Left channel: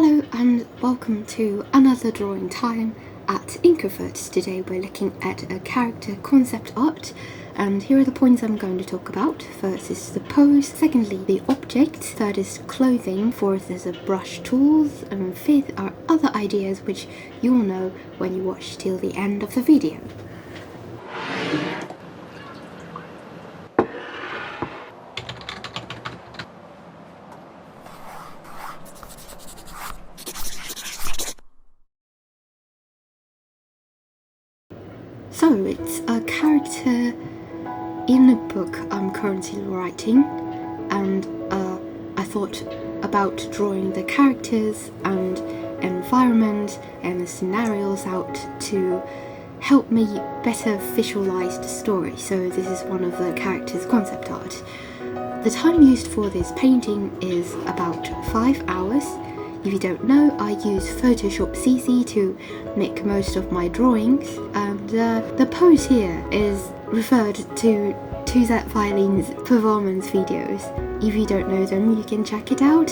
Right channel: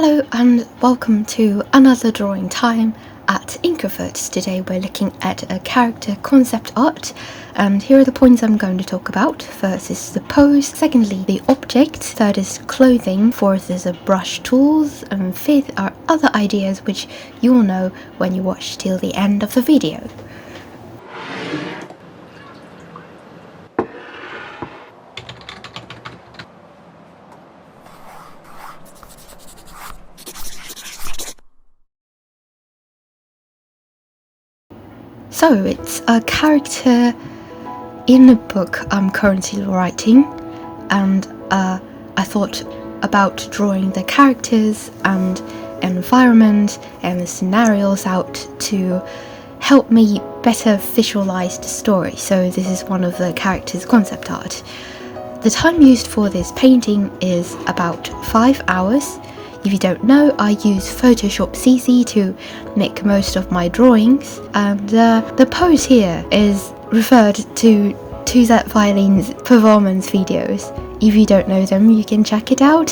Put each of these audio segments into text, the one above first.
Hello and welcome to another drawing time at INKroverts. Today we're looking at a character concept art, and here are the points I'm going to talk about. First is the pose, secondly the object, third is clothing, fourth is a brush tools, and fifth are other ideas which you'll know when you watch till the end of the video. So it's a character in a book I'm currently writing, and I thought about drawing the characters and environment and the scenarios out to help me better visualize the story. So this is one of the characters' concept art. The time used for this painting is about 5 hours. If you don't know, I use Photoshop CC to make most of my drawings, and the pose here is referred to that Violin's performance videos. If you don't know them, you can check it out.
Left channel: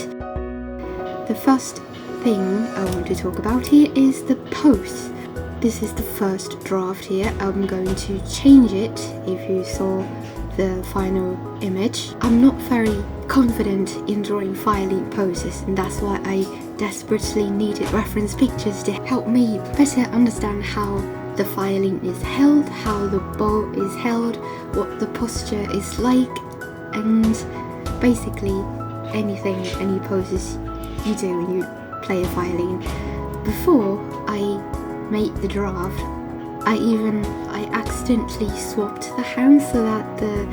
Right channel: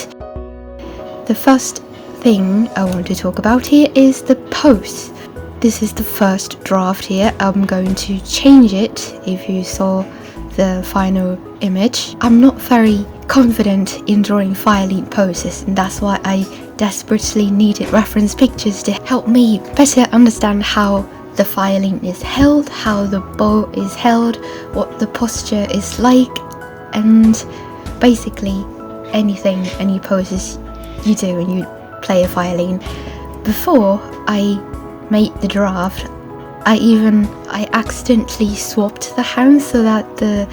The first thing I want to talk about here is the pose. This is the first draft here. I'm going to change it if you saw the final image. I'm not very confident in drawing violin poses, and that's why I desperately needed reference pictures to help me better understand how the violin is held, how the bow is held, what the posture is like, and basically any poses you do when you play a violin. Before I made the draft, I accidentally swapped the hands so that the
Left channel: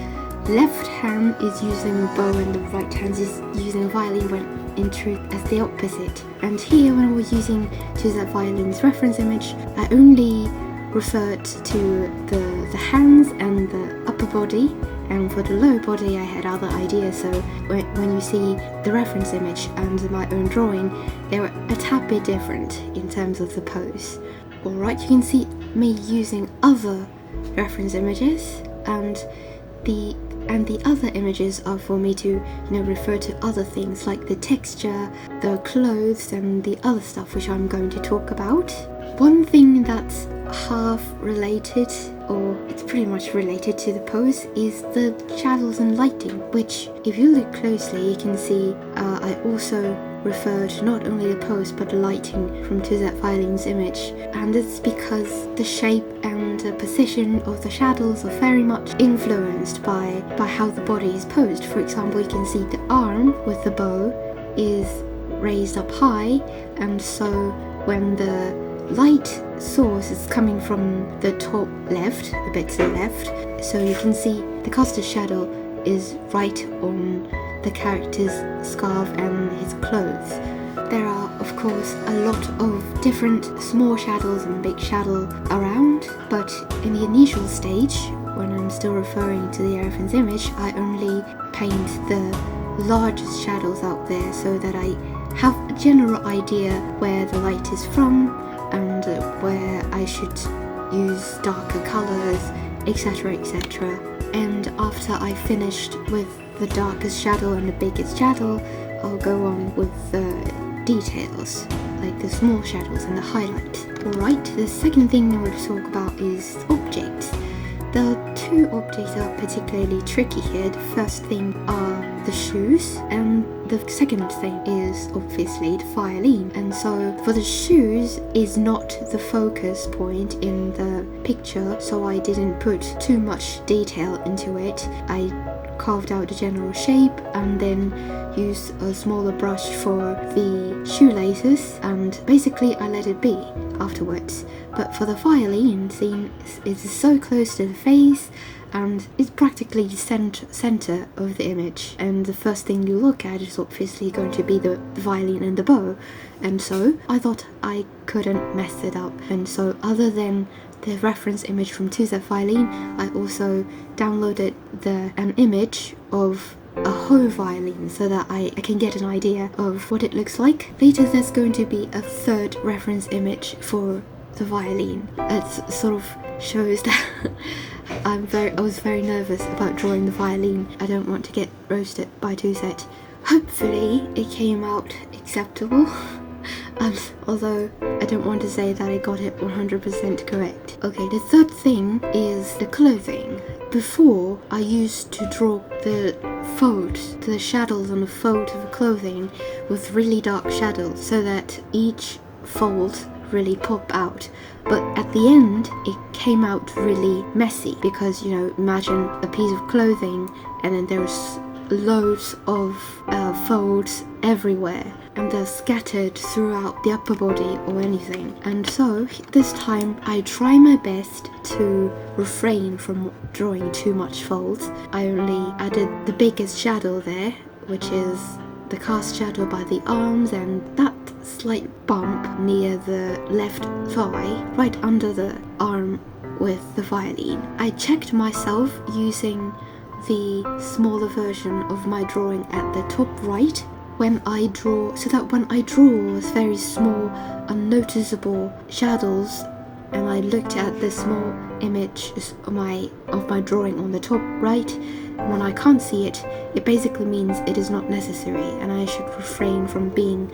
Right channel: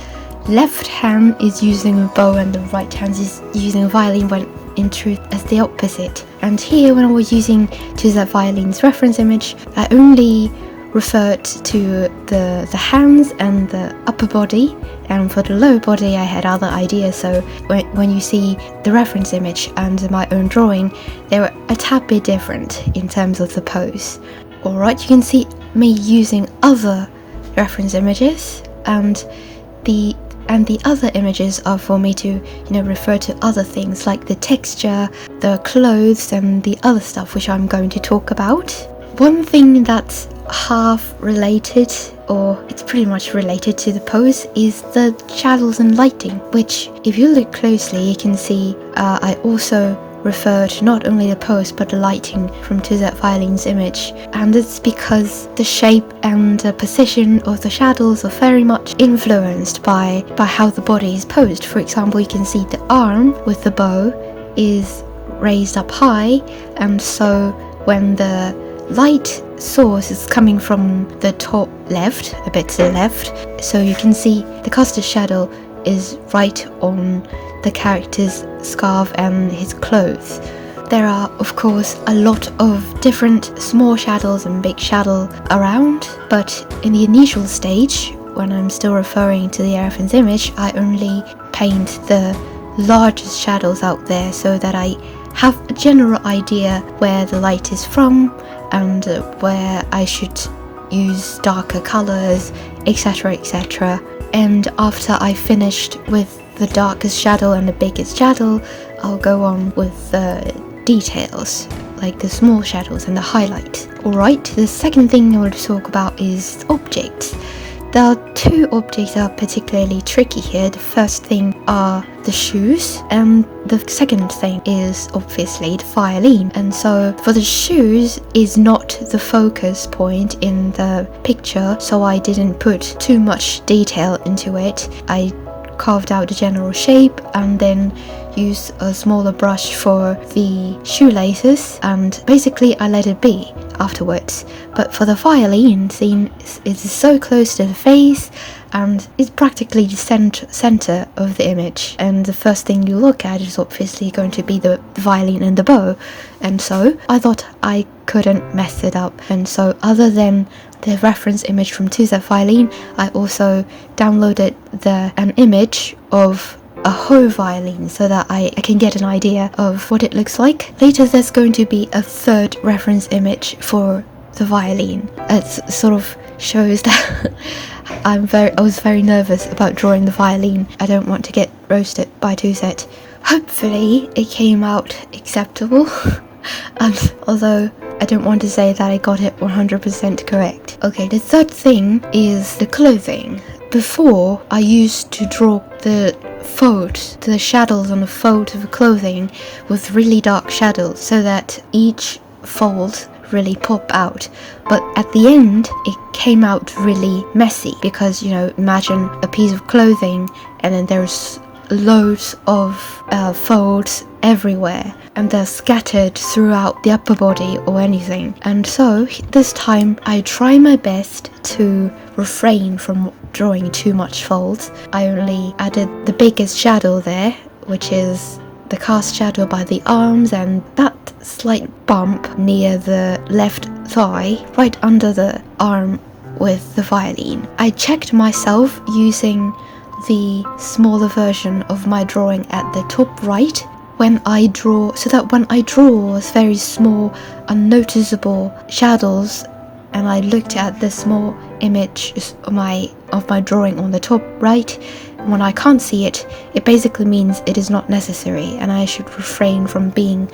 left hand is using a bow and the right hand is using a violin, when in truth as the opposite. And here, when I was using that Violin's reference image, I only referred to the hands and the upper body, and for the lower body I had other ideas. So when you see the reference image and my own drawing, they were a tad bit different in terms of the pose. Alright, you can see me using other reference images, and the other images are for me to refer to other things like the texture, the clothes, and the other stuff which I'm going to talk about. One thing that's half related, or it's pretty much related to the pose, is the shadows and lighting, which if you look closely you can see I also refer to not only the pose but the lighting from that Violin's image, and it's because the shape and the position of the shadows are very much influenced by how the body is posed. For example, you can see the arm with the bow is raised up high, and so when the light source is coming from the top left, a bit to the left, so you can see the casted shadow is right on the character's scarf and his clothes. There are of course a lot of different small shadows and big shadow around, but in the initial stage, when I'm still referring to the reference image, I only paint the largest shadows out there so that I have a general idea where the light is from and where I should use darker colors, etc, etc. And after I finished with the darkest shadow and the biggest shadow, I'll go on with the details, like the small shadows and the highlight. Alright, the second thing I want to talk about is objects. There are two objects that are particularly tricky here. The first thing are the shoes, and the second thing is obviously the violin. And so for the shoes is not the focus point in the picture, so I didn't put too much detail into it. I carved out the general shape and then used a smaller brush for the shoelaces, and basically I let it be afterwards. But for the violin scene, it's so close to the face and it's practically the center of the image, and the first thing you look at is obviously going to be the violin and the bow, and so I thought I couldn't mess it up. And so other than the reference image from that Violin, I also downloaded an image of a whole violin so that I can get an idea of what it looks like. Later there's going to be a third reference image for the violin. It sort of shows that I was very nervous about drawing the violin. I don't want to get roasted by Tuzet. Hopefully it came out acceptable. Although I don't want to say that I got it 100% correct. Okay, the third thing is the clothing. Before, I used to draw the shadows on the fold of clothing with really dark shadows so that each fold really pop out, but at the end it came out really messy because, imagine a piece of clothing and then there's loads of folds everywhere and they're scattered throughout the upper body or anything. And so this time I try my best to refrain from drawing too much folds. I only added the biggest shadow there, which is the cast shadow by the arms and that slight bump near the left thigh right under the arm with the violin. I checked myself using the smaller version of my drawing at the top right when I draw, so that when I draw very small unnoticeable shadows and I looked at the small image of my drawing on the top right, when I can't see it, it basically means it is not necessary and I should refrain from being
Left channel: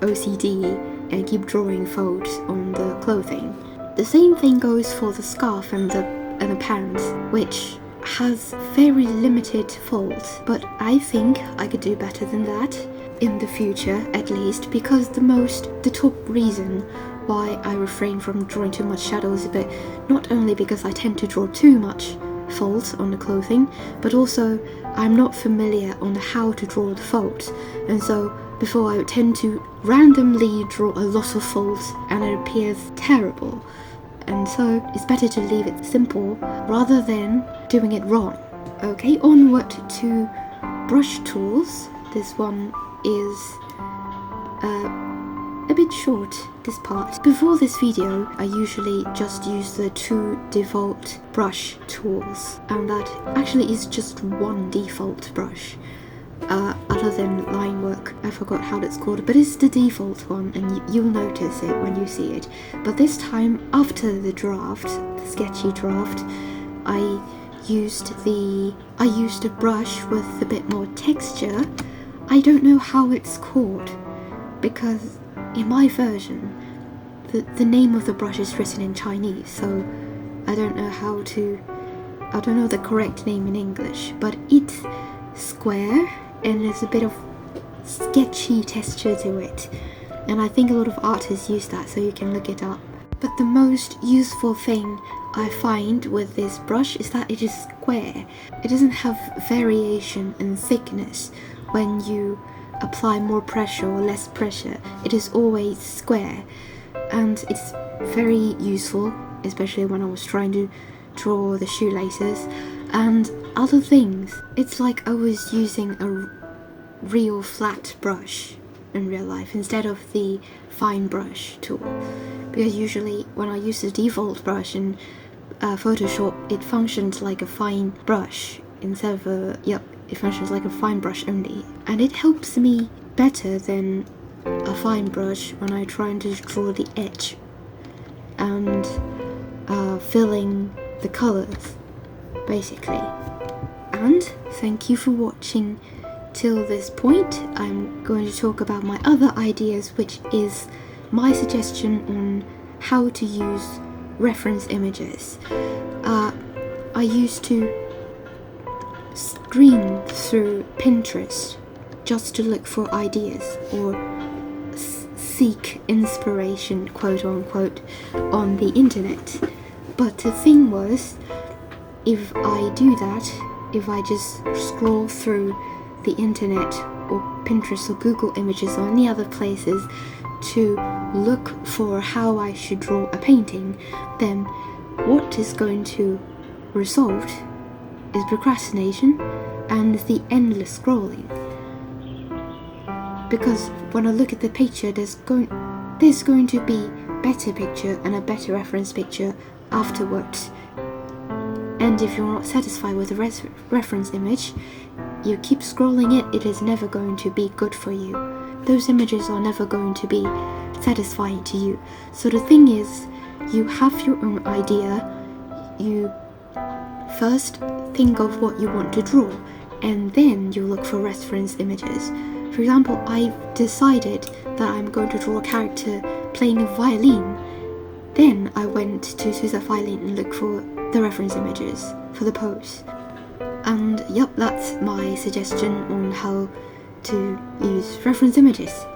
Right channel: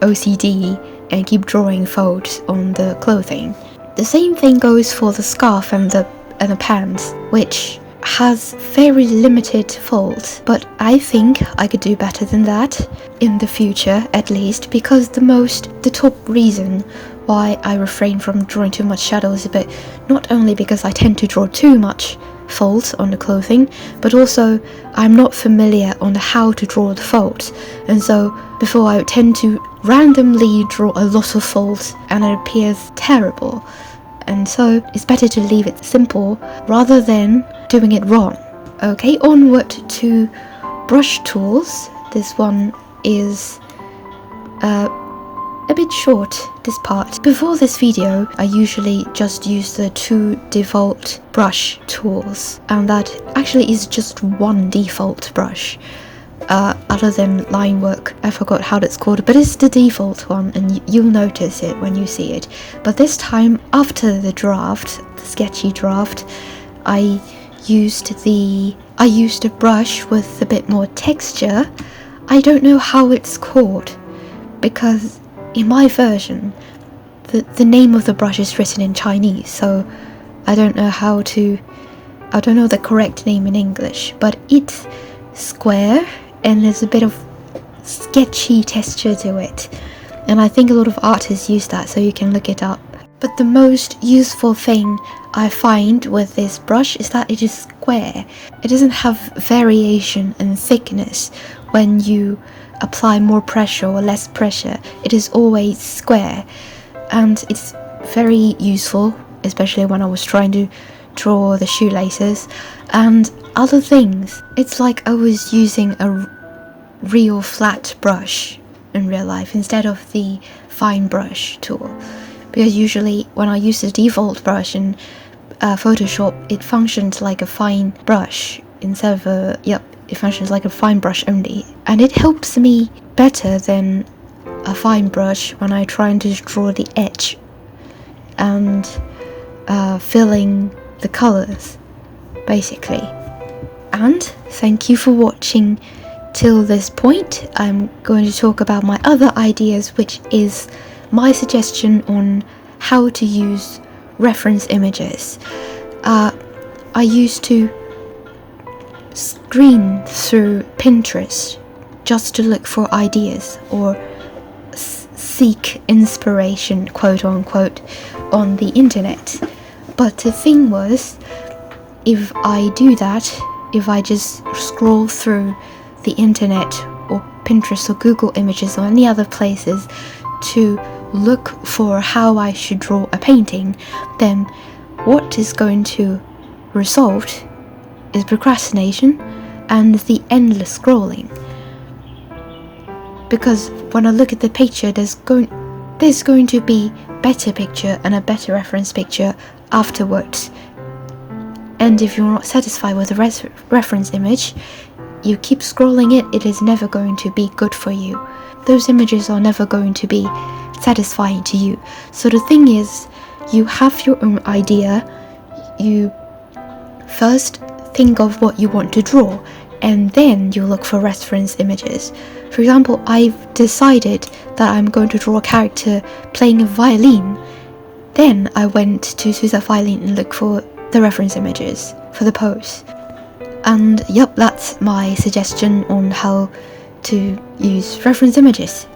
OCD and keep drawing folds on the clothing. The same thing goes for the scarf and the pants, which has very limited folds, but I think I could do better than that in the future, at least, because the top reason why I refrain from drawing too much shadows is a bit, not only because I tend to draw too much folds on the clothing, but also I'm not familiar on how to draw the folds, and so before I tend to randomly draw a lot of folds and it appears terrible. And so it's better to leave it simple rather than doing it wrong. Okay, onward to brush tools. This one is a bit short, this part. Before this video, I usually just use the 2 default brush tools, and that actually is just one default brush. Other than line work, I forgot how that's called, but it's the default one and you'll notice it when you see it. But this time, after the sketchy draft, I used a brush with a bit more texture. I don't know how it's called because in my version the name of the brush is written in Chinese, so I don't know the correct name in English, but it's square and there's a bit of sketchy texture to it, and I think a lot of artists use that, so you can look it up. But the most useful thing I find with this brush is that it is square. It doesn't have variation in thickness when you apply more pressure or less pressure. It is always square, and it's very useful, especially when I was trying to draw the shoelaces and other things. It's like I was using a real flat brush in real life instead of the fine brush tool, because usually when I use the default brush in Photoshop, it functions like a fine brush instead of it functions like a fine brush only, and it helps me better than a fine brush when I try to draw the edge and filling the colors basically. And thank you for watching till this point. I'm going to talk about my other ideas, which is my suggestion on how to use reference images. I used to screen through Pinterest just to look for ideas or seek inspiration, quote unquote, on the internet. But the thing was, if I do that, if I just scroll through the internet or Pinterest or Google Images or any other places to look for how I should draw a painting, then what is going to result is procrastination and the endless scrolling. Because when I look at the picture, there's going to be better picture and a better reference picture afterwards. And if you're not satisfied with the reference image, you keep scrolling it is never going to be good for you. Those images are never going to be satisfying to you. So the thing is, you have your own idea. You first think of what you want to draw, and then you look for reference images. For example, I've decided that I'm going to draw a character playing a violin. Then I went to choose a violin and look for the reference images for the pose. And yep, that's my suggestion on how to use reference images.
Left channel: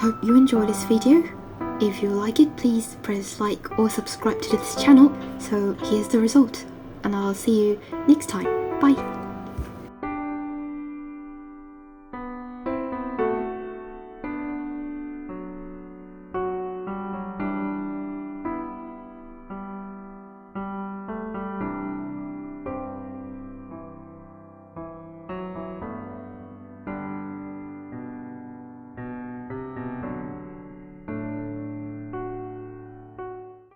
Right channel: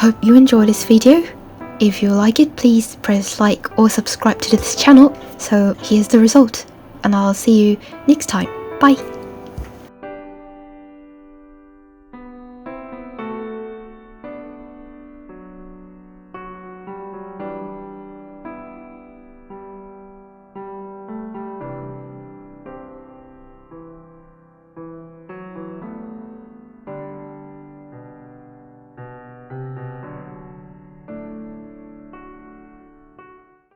Hope you enjoyed this video. If you like it, please press like or subscribe to this channel. So here's the result, and I'll see you next time. Bye!